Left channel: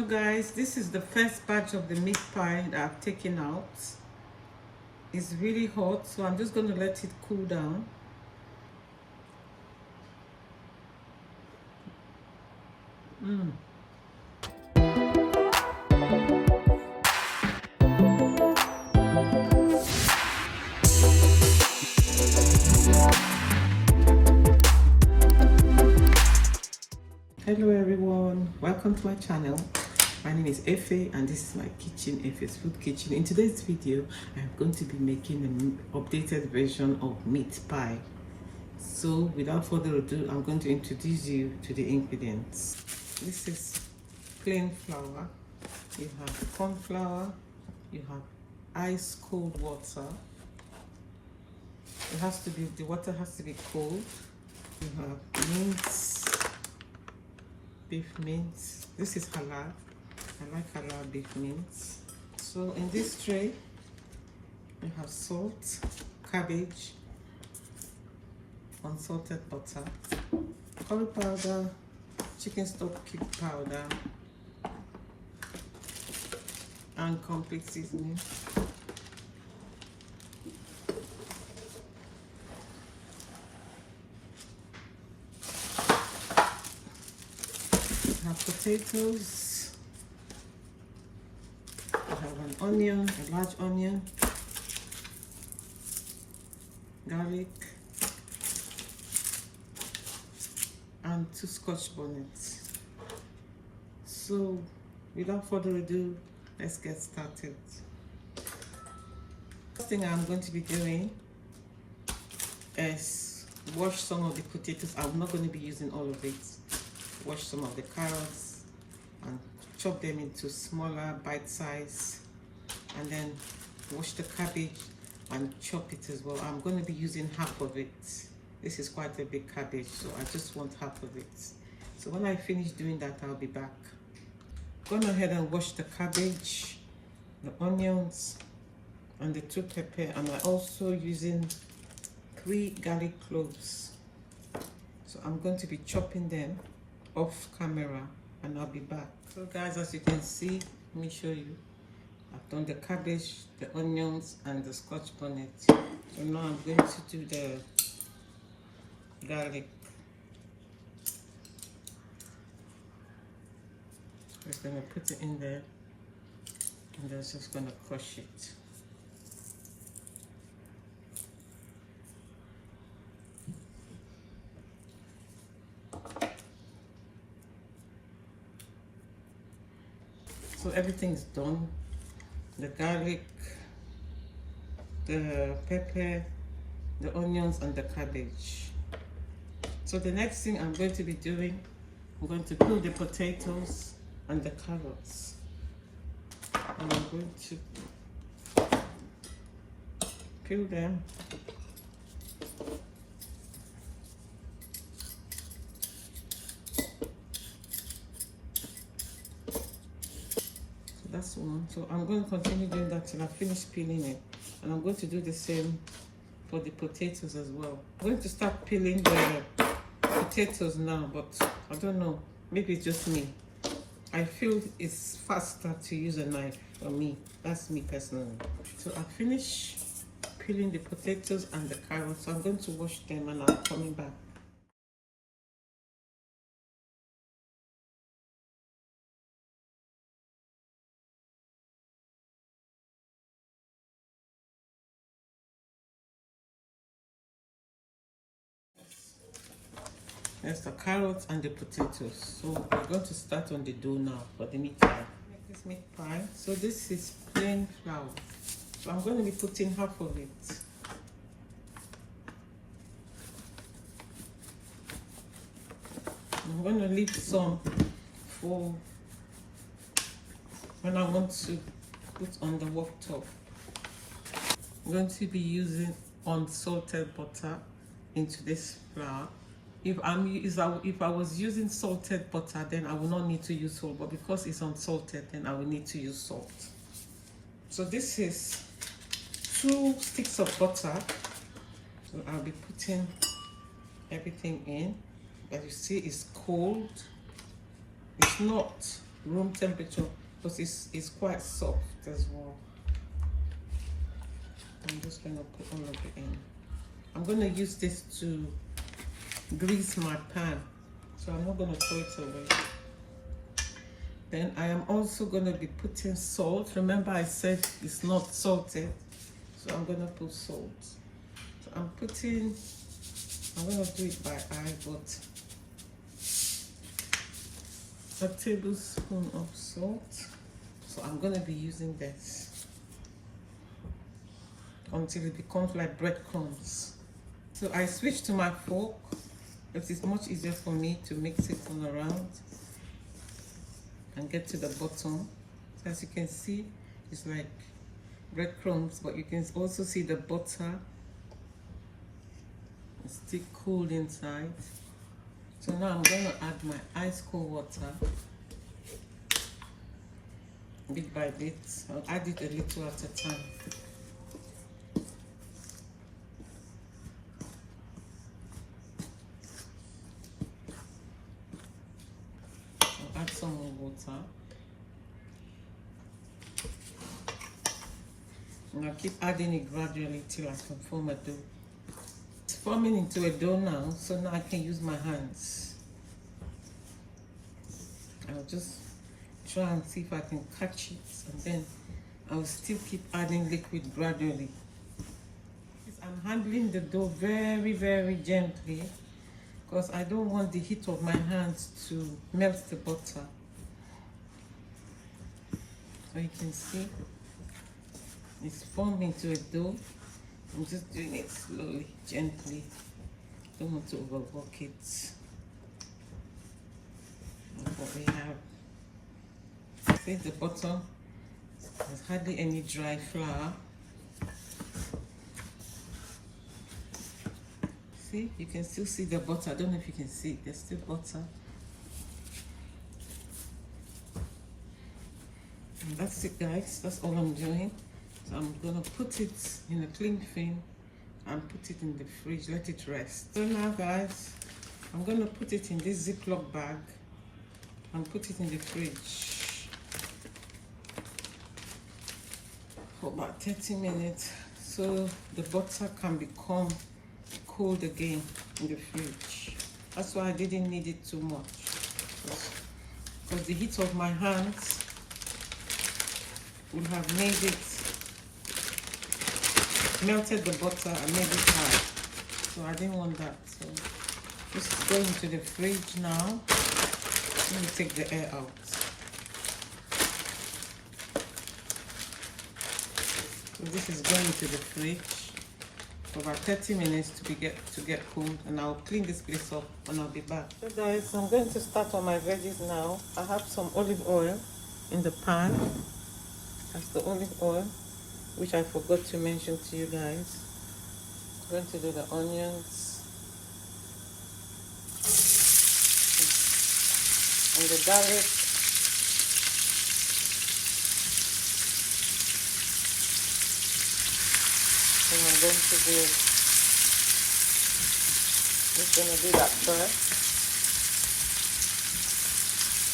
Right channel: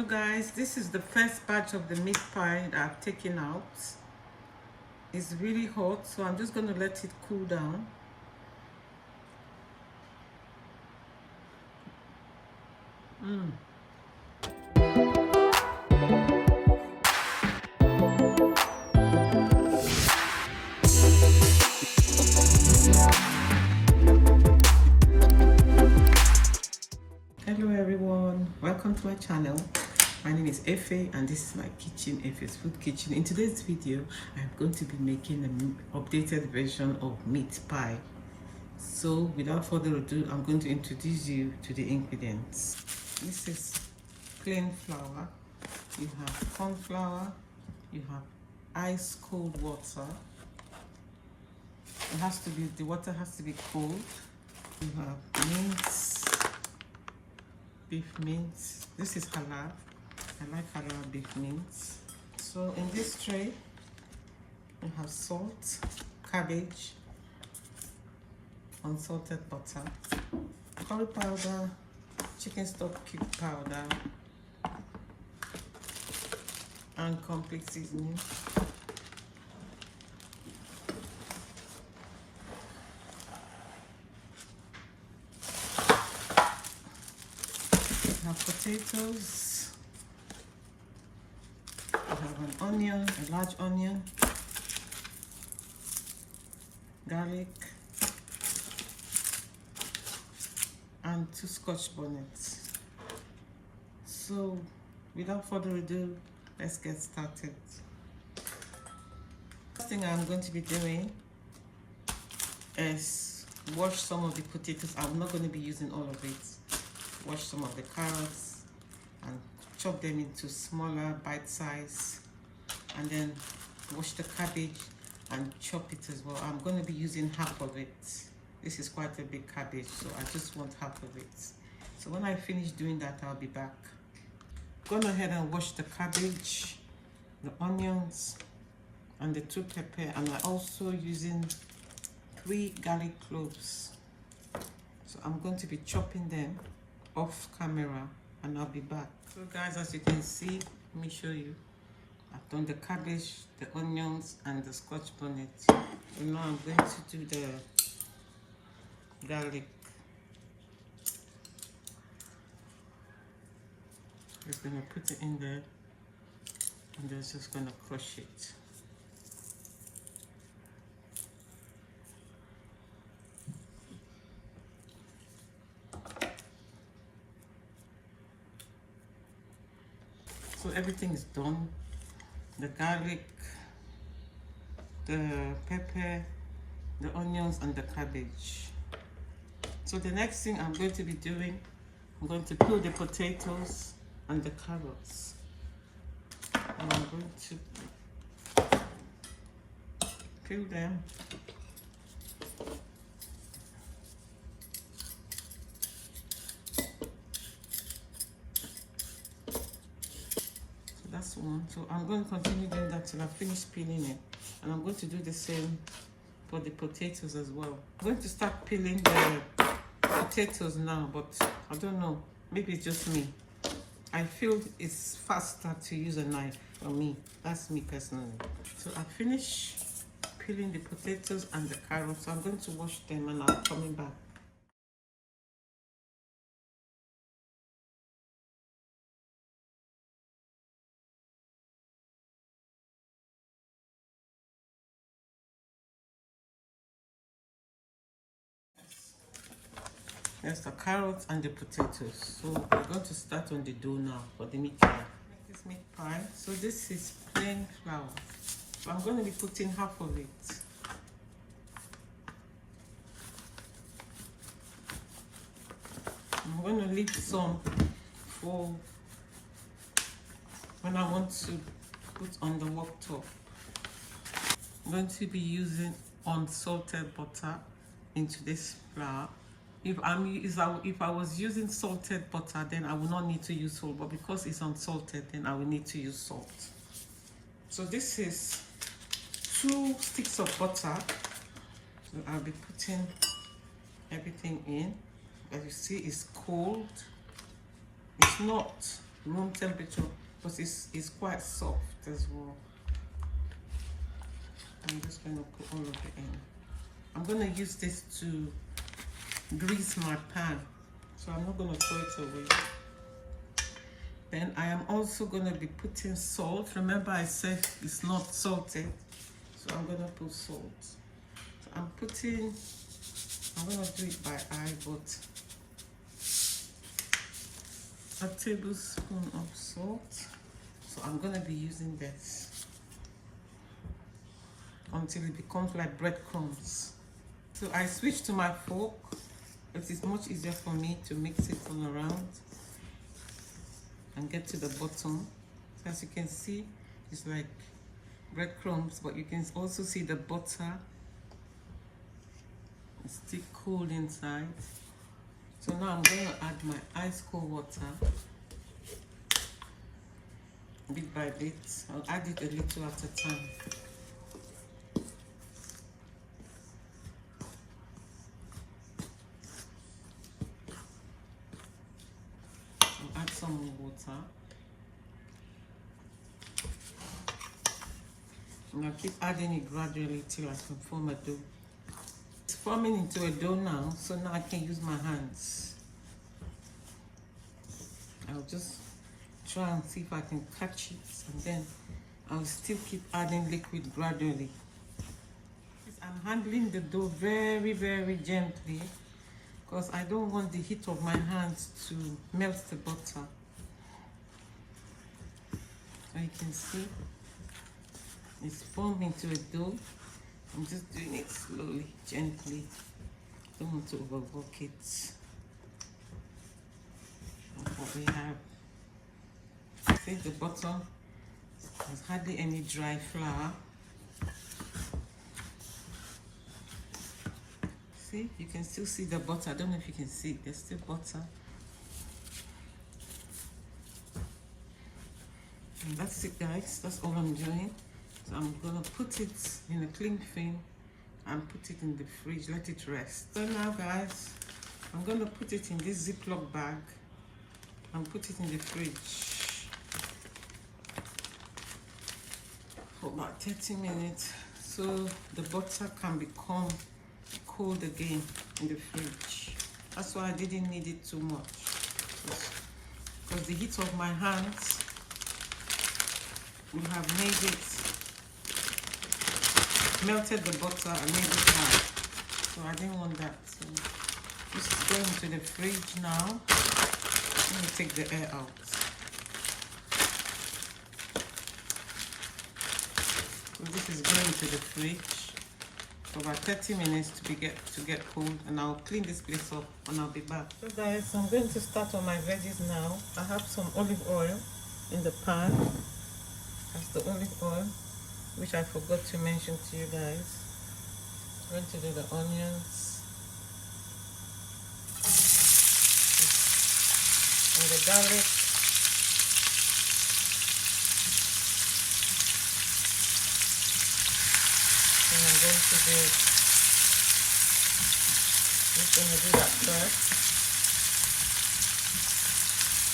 So guys, this is the first batch of the meat pie that I've taken out. It's really hot, so I'm just going to let it cool down. Hello everyone, welcome to my channel. My name is Efe and this is my kitchen, Efe's Food Kitchen. In today's video, I'm going to be making an updated version of meat pie. So without further ado, I'm going to introduce you to the ingredients. This is plain flour. You have corn flour. You have ice cold water. The water has to be cold. You have mince, beef mince. This is halal. I like halal beef mince. So in this tray, you have salt, cabbage, unsalted butter, curry powder, chicken stock cube powder, and complete seasoning. You have potatoes. You have an onion, a large onion, garlic, and 2 Scotch bonnets. So without further ado, let's get started. First thing I'm going to be doing is wash some of the potatoes. I'm not going to be using all of it. Wash some of the carrots and chop them into smaller bite size, and then wash the cabbage and chop it as well. I'm going to be using half of it. This is quite a big cabbage, so I just want half of it. So when I finish doing that, I'll be back. Gone ahead and wash the cabbage, the onions, and the 2 pepper, and I'm also using 3 garlic cloves. So I'm going to be chopping them off camera, and I'll be back. So guys, as you can see, let me show you. I've done the cabbage, the onions, and the Scotch bonnet. So now I'm going to do the garlic. Just gonna put it in there, and then just gonna crush it. So everything is done. The garlic, the pepper, the onions, and the cabbage. So the next thing I'm going to be doing, I'm going to peel the potatoes and the carrots. And I'm going to peel them. That's one. So I'm going to continue doing that till I finish peeling it, and I'm going to do the same for the potatoes as well. I'm going to start peeling the potatoes now, but I don't know, maybe it's just me. I feel it's faster to use a knife for me. That's me personally. So I finished peeling the potatoes and the carrots, so I'm going to wash them and I'm coming back. There's the carrots and the potatoes. So we're going to start on the dough now for the meat pie. Make this meat pie. So this is plain flour. So I'm going to be putting half of it. I'm going to leave some for when I want to put on the worktop. I'm going to be using unsalted butter into this flour. If I was using salted butter, then I will not need to use salt, but because it's unsalted, then I will need to use salt. So this is 2 sticks of butter. So I'll be putting everything in. As you see, it's cold. It's not room temperature because it's quite soft as well. I'm just going to put all of it in. I'm going to use this to grease my pan, so I'm not going to throw it away. Then I am also going to be putting salt. Remember I said it's not salted, so I'm going to put salt. So I'm going to do it by eye, but a tablespoon of salt. So I'm going to be using this until it becomes like breadcrumbs. So I switched to my fork because it's much easier for me to mix it all around and get to the bottom. So as you can see, it's like breadcrumbs, but you can also see the butter. It's still cool inside. So now I'm going to add my ice cold water bit by bit. I'll add it a little at a time. I'll add some more water. And I'll keep adding it gradually till I can form a dough. It's forming into a dough now, so now I can use my hands. I'll just try and see if I can catch it, and then I'll still keep adding liquid gradually. I'm handling the dough very, very gently because I don't want the heat of my hands to melt the butter. So you can see it's formed into a dough. I'm just doing it slowly, gently. Don't want to overwork it. That's what we have. See, the bottom, there's hardly any dry flour. See, you can still see the butter. I don't know if you can see it. There's still butter. And that's it, guys. That's all I'm doing. So I'm gonna put it in a cling film and put it in the fridge, let it rest. So now, guys, I'm gonna put it in this Ziploc bag and put it in the fridge for about 30 minutes so the butter can become cold again in the fridge. That's why I didn't need it too much, because the heat of my hands would have made it, melted the butter and made it hard. So I didn't want that. So this is going to the fridge now. Let me take the air out. So this is going to the fridge for about 30 minutes to get cool, and I'll clean this place up and I'll be back. So guys, I'm going to start on my veggies now. I have some olive oil in the pan. That's the olive oil, which I forgot to mention to you guys. I'm going to do the onions and the garlic. And I'm going to do, just going to do that color.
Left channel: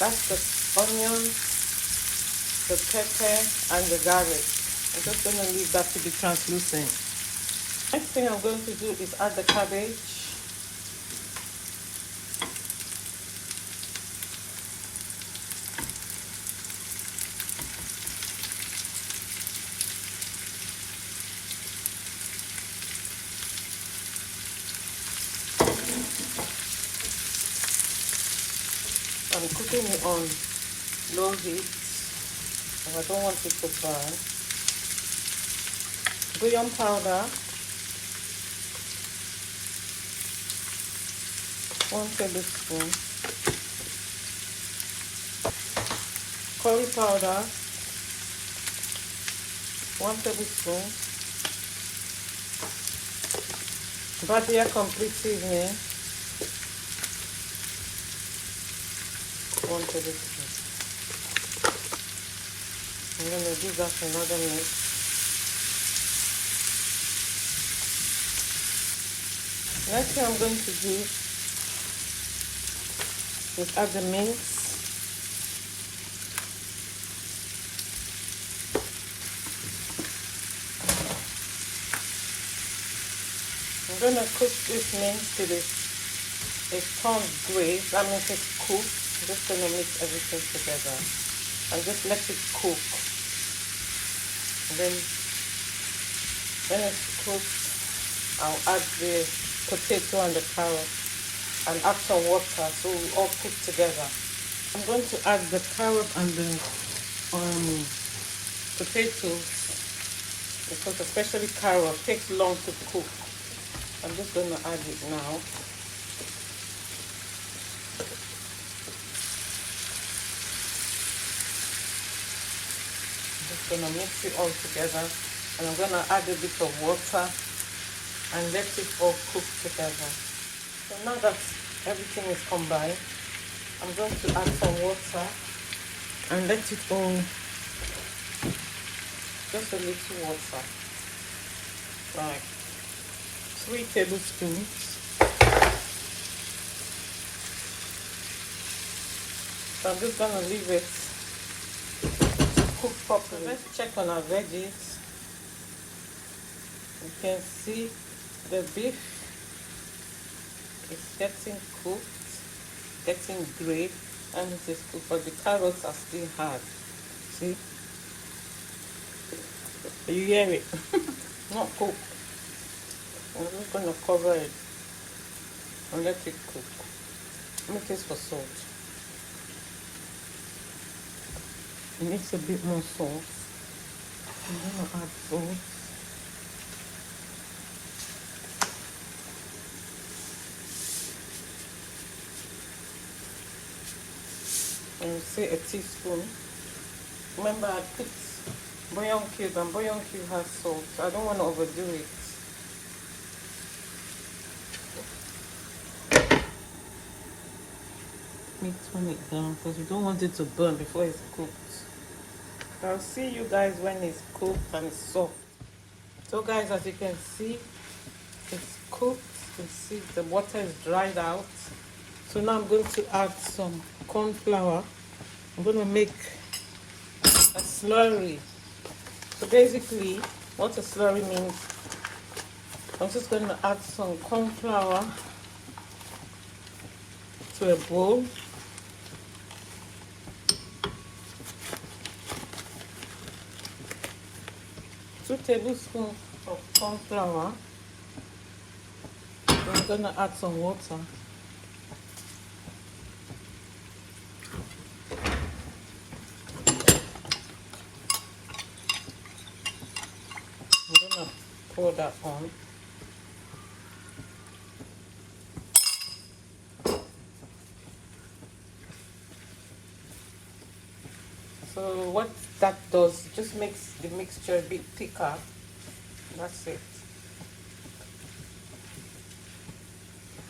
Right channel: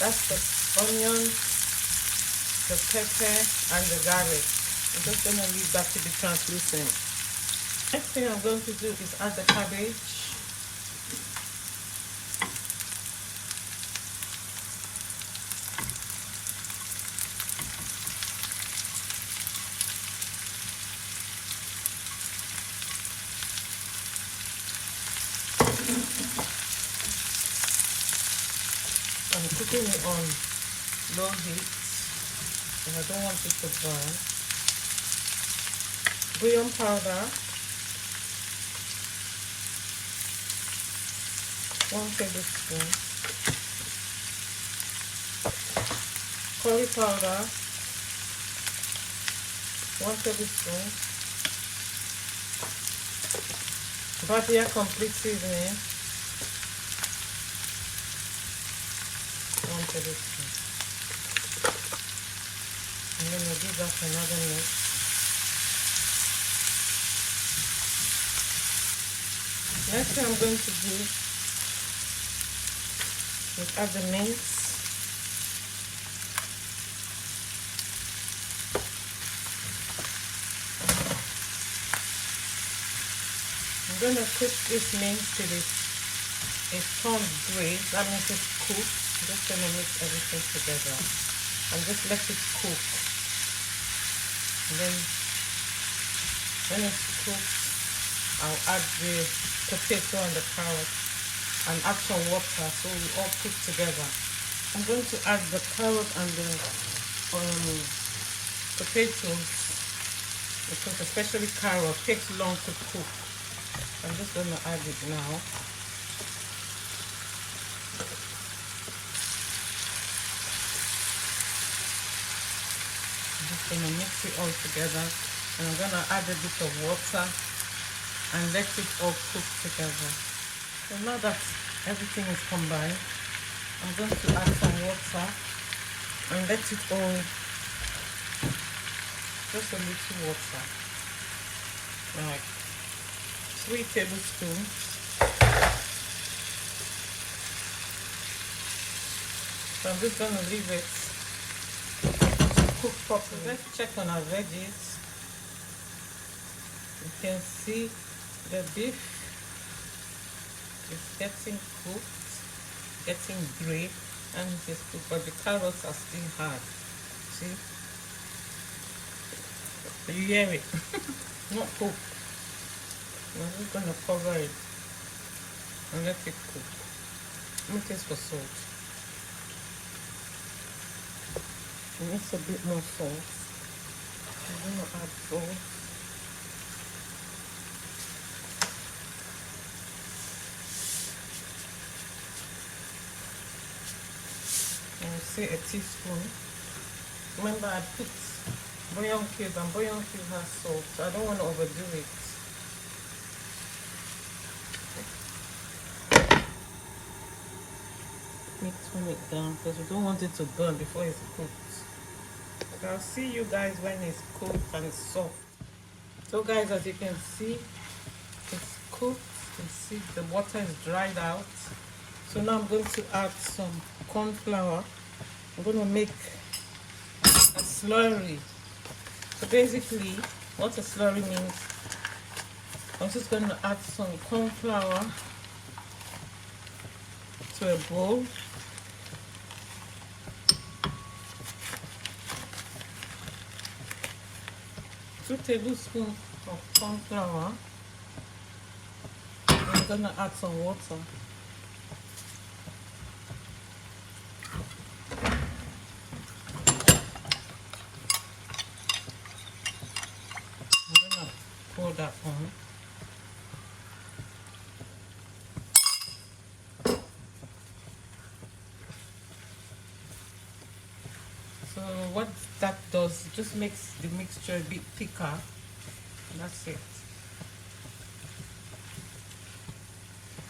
That's the onion, the pepper, and the garlic. I'm just going to leave that to be translucent. Next thing I'm going to do is add the cabbage. I'm cooking it on low heat, and I don't want it to burn. Bullion powder, 1 tablespoon. Curry powder, 1 tablespoon. Bardia complete seasoning, 1 tablespoon. I'm going to do that another minute. Next thing I'm going to do is add the mince. gonna cook this mince till it turns gray. That means it's cooked. I'm just gonna mix everything together and just let it cook. And then when it's cooked, I'll add the potato and the carrot and add some water so we all cook together. I'm going to add the carrot and the potatoes, because especially carrot takes long to cook. I'm just going to add it now. I'm just going to mix it all together, and I'm going to add a bit of water and let it all cook together. So now that everything is combined, I'm going to add some water and let it all, just a little water, like 3 tablespoons. So I'm just going to leave it to cook properly. Let's check on our veggies. You can see the beef is getting cooked, getting gray, and it is cooked, but the carrots are still hard. See? You hear it? Not cooked. I'm just going to cover it and let it cook. Let me taste for salt. It needs a bit more salt. I'm going to add salt. And you see a teaspoon. Remember, I put bouillon cube, and bouillon cube has salt. I don't want to overdo it. Tone it down because you don't want it to burn before it's cooked. I'll see you guys when it's cooked and it's soft. So guys, as you can see, it's cooked. You can see the water is dried out. So now I'm going to add some corn flour. I'm going to make a slurry. So basically, what a slurry means, I'm just going to add some corn flour to a bowl. 2 tablespoons of corn flour. I'm going to add some water. I'm going to pour that on. So what that does, it just makes the mixture a bit thicker. That's it.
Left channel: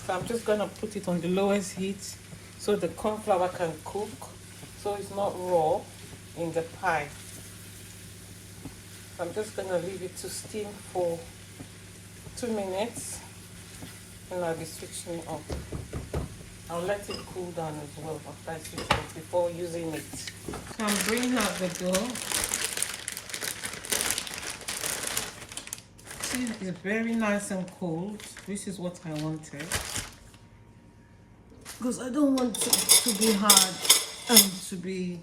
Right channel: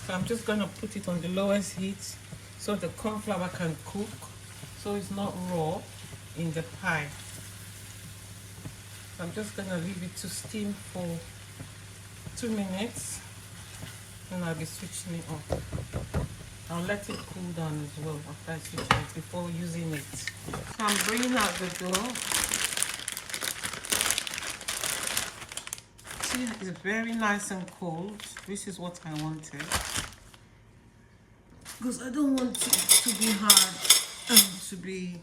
So I'm just going to put it on the lowest heat so the corn flour can cook, so it's not raw in the pie. So I'm just going to leave it to steam for 2 minutes, and I'll be switching it off. I'll let it cool down as well after I switch it off before using it. So I'm bringing out the dough. See, it's very nice and cold. This is what I wanted, because I don't want it to be hard and to be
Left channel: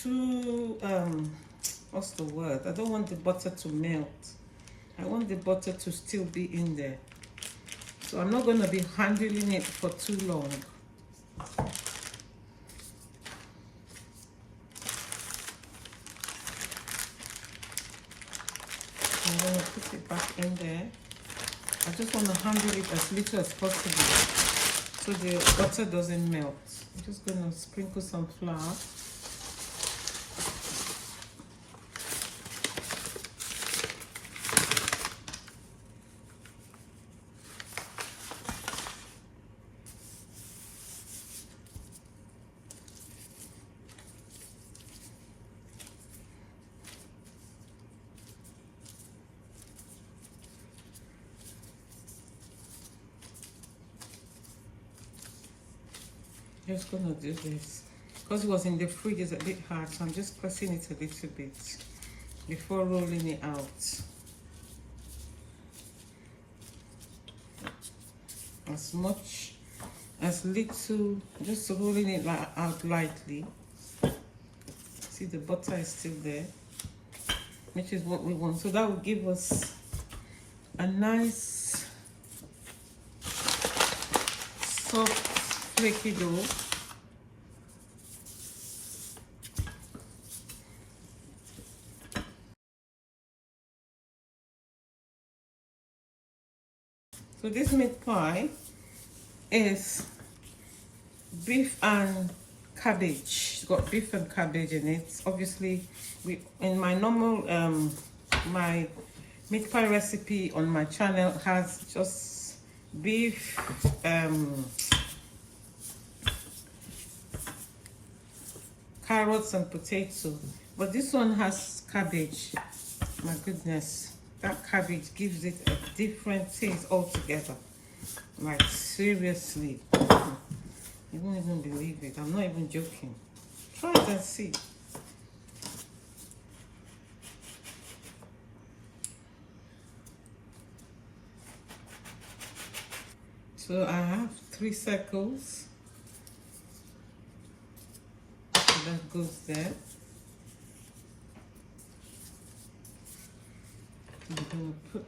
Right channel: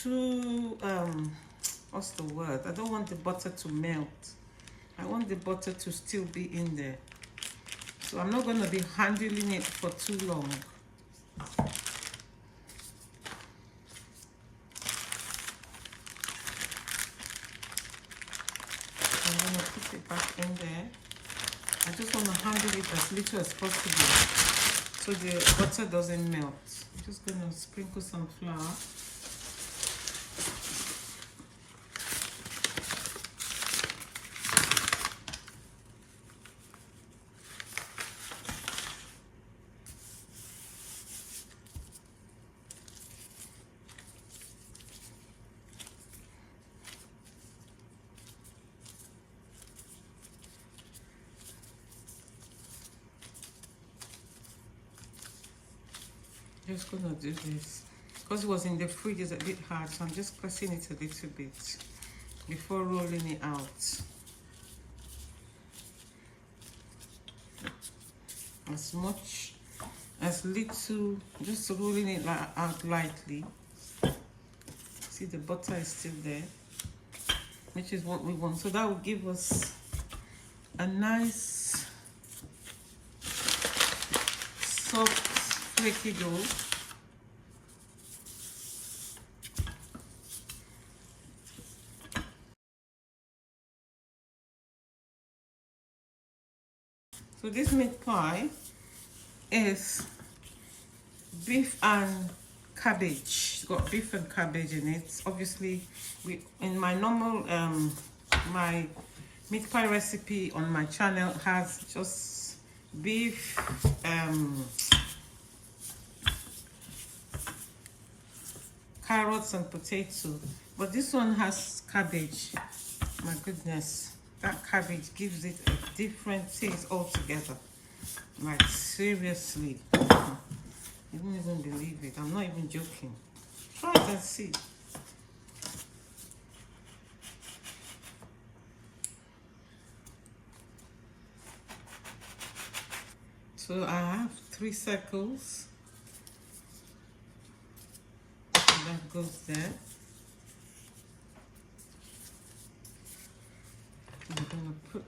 too what's the word? I don't want the butter to melt. I want the butter to still be in there. So I'm not going to be handling it for too long. I'm going to put it back in there. I just want to handle it as little as possible so the butter doesn't melt. I'm just going to sprinkle some flour. Just gonna do this because it was in the fridge. It's a bit hard, so I'm just pressing it a little bit before rolling it out. as much as little, just rolling it out lightly. See, the butter is still there, which is what we want. So that will give us a nice soft flaky dough. So this meat pie is beef and cabbage. It's got beef and cabbage in it. Obviously, in my normal my meat pie recipe on my channel has just beef, carrots and potato, but this one has cabbage. My goodness, that cabbage gives it a different taste altogether. Like, seriously, you won't even believe it. I'm not even joking. Try it and see. So I have 3 circles. So that goes there. I'm gonna put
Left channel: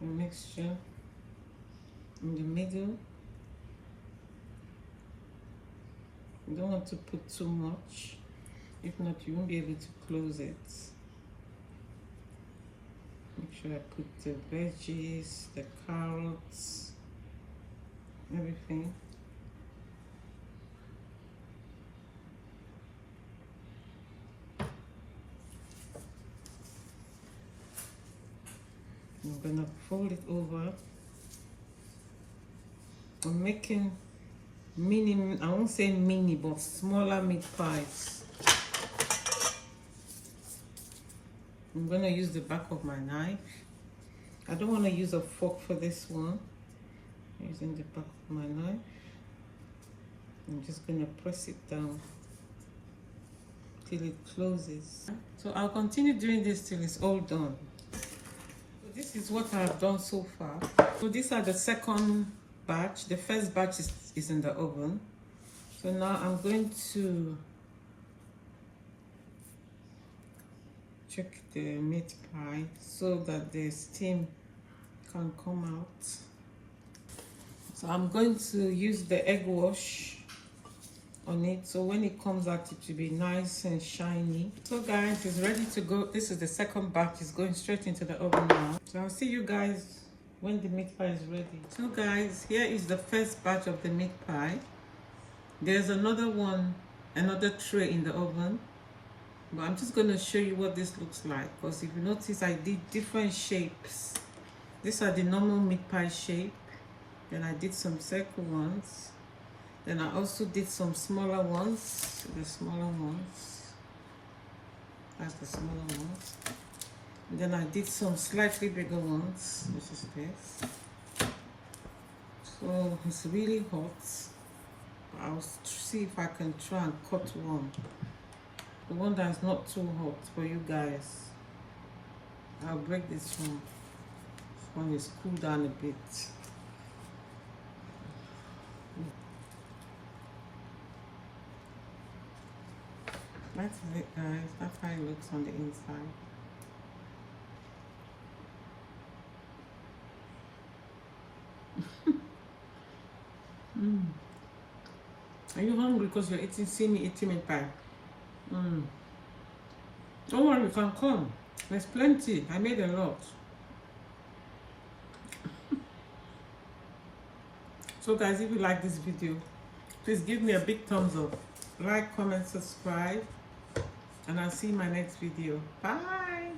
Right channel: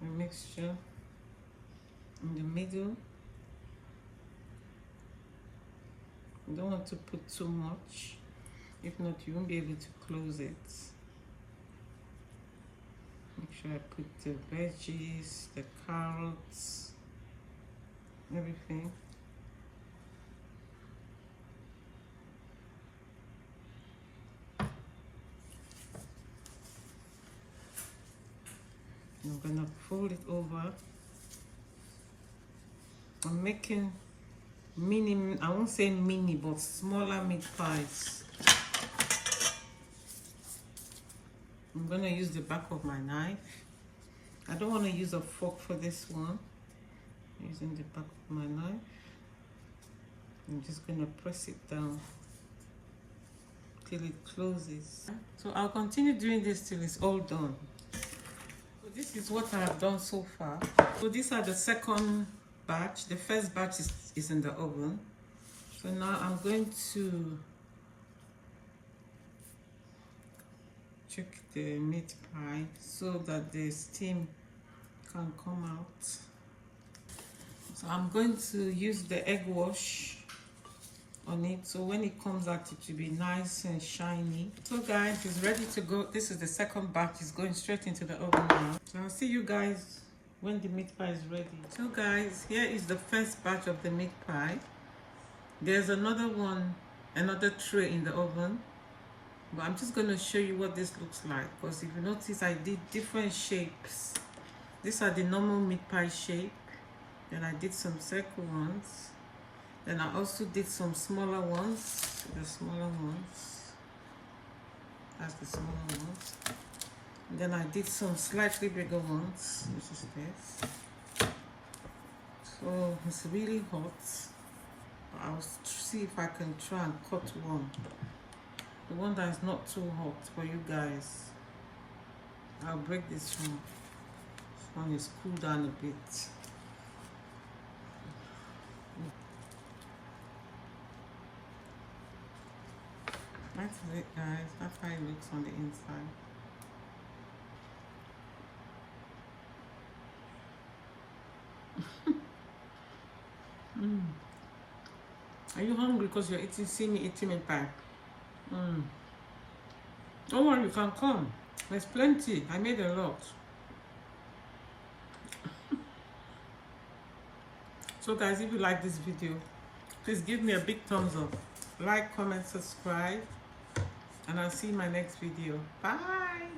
the mixture in the middle. You don't want to put too much, if not you won't be able to close it. Make sure I put the veggies, the carrots, everything. I'm gonna fold it over. I'm making mini, I won't say mini, but smaller meat pies. I'm gonna use the back of my knife. I don't want to use a fork for this one. I'm using the back of my knife. I'm just gonna press it down till it closes. So I'll continue doing this till it's all done. This is what I have done so far. So these are the second batch. The first batch is in the oven. So now I'm going to check the meat pie so that the steam can come out. So I'm going to use the egg wash on it, so when it comes out it will be nice and shiny. So guys, it's ready to go. This is the second batch. It's going straight into the oven now. So I'll see you guys when the meat pie is ready. So guys, here is the first batch of the meat pie. There's another one, another tray in the oven, but I'm just going to show you what this looks like, because if you notice I did different shapes. These are the normal meat pie shape, then I did some circle ones. Then I also did some smaller ones, the smaller ones. That's the smaller ones. And then I did some slightly bigger ones, which is this. So it's really hot. I'll see if I can try and cut one. The one that is not too hot for you guys. I'll break this one. This one is cooled down a bit. That's it guys, that's how it looks on the inside. Are you hungry because you're eating, see me eating meat pie? Don't worry, you can come. There's plenty, I made a lot. So guys, if you like this video, please give me a big thumbs up. Like, comment, subscribe. And I'll see you in my next video. Bye.